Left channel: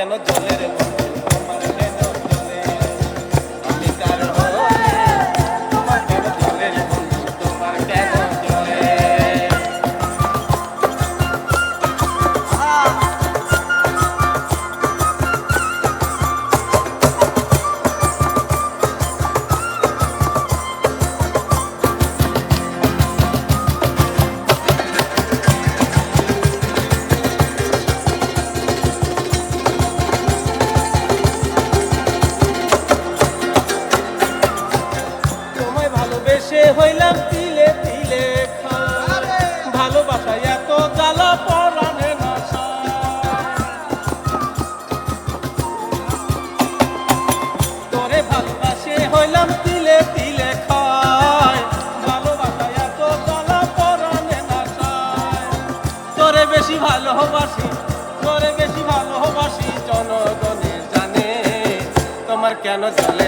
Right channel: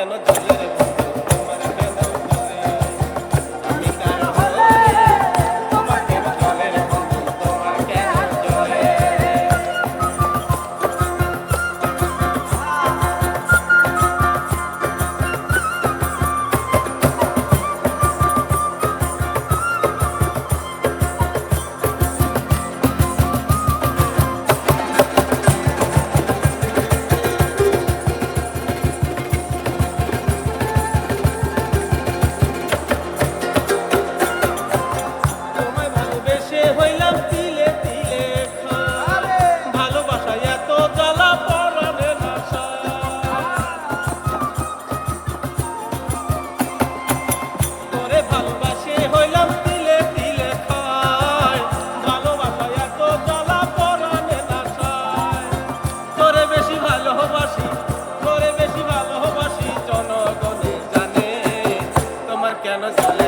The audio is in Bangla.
কেন জ্বলে রে বন্ধু তোমার কেন জ্বলে আমি কার হলে তোমার কেন জ্বলে রে বন্ধু তোমার কেন জ্বলে হইলাম তিলে তিলে ভালোবাসা এত জ্বালা পরাণে না তোরে ভালোবাসে হইলাম তিলে তিলে খায় ভালোবাসা এত জ্বালা পরাণে না তোরে বেশি ভালোবাসি জনগণে জানে তোমার কেন জ্বালা